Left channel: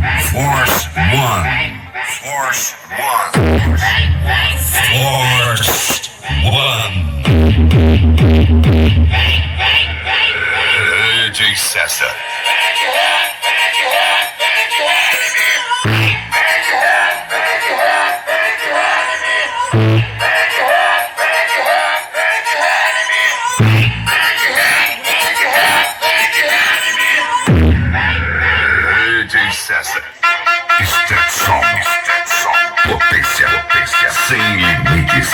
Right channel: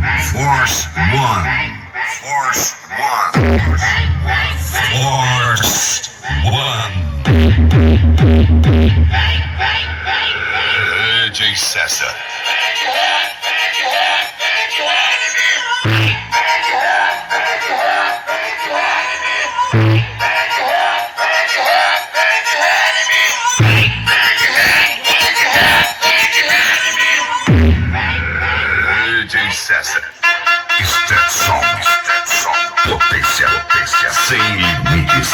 Force one. Force one. Force one. AJ Sessa. AJ Sessa. Step song. Potência sem limites.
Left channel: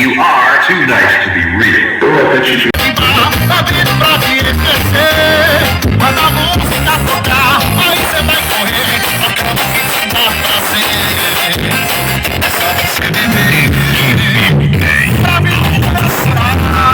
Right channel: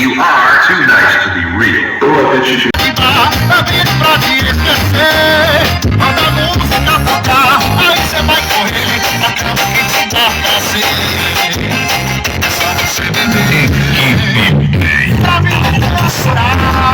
You are too nice to be real. Tá vindo pra te esquecer. Manda a música tocar. Aí cê vai correr. Acaba que te dá prazer. É só você beber. Pra mim, chorar.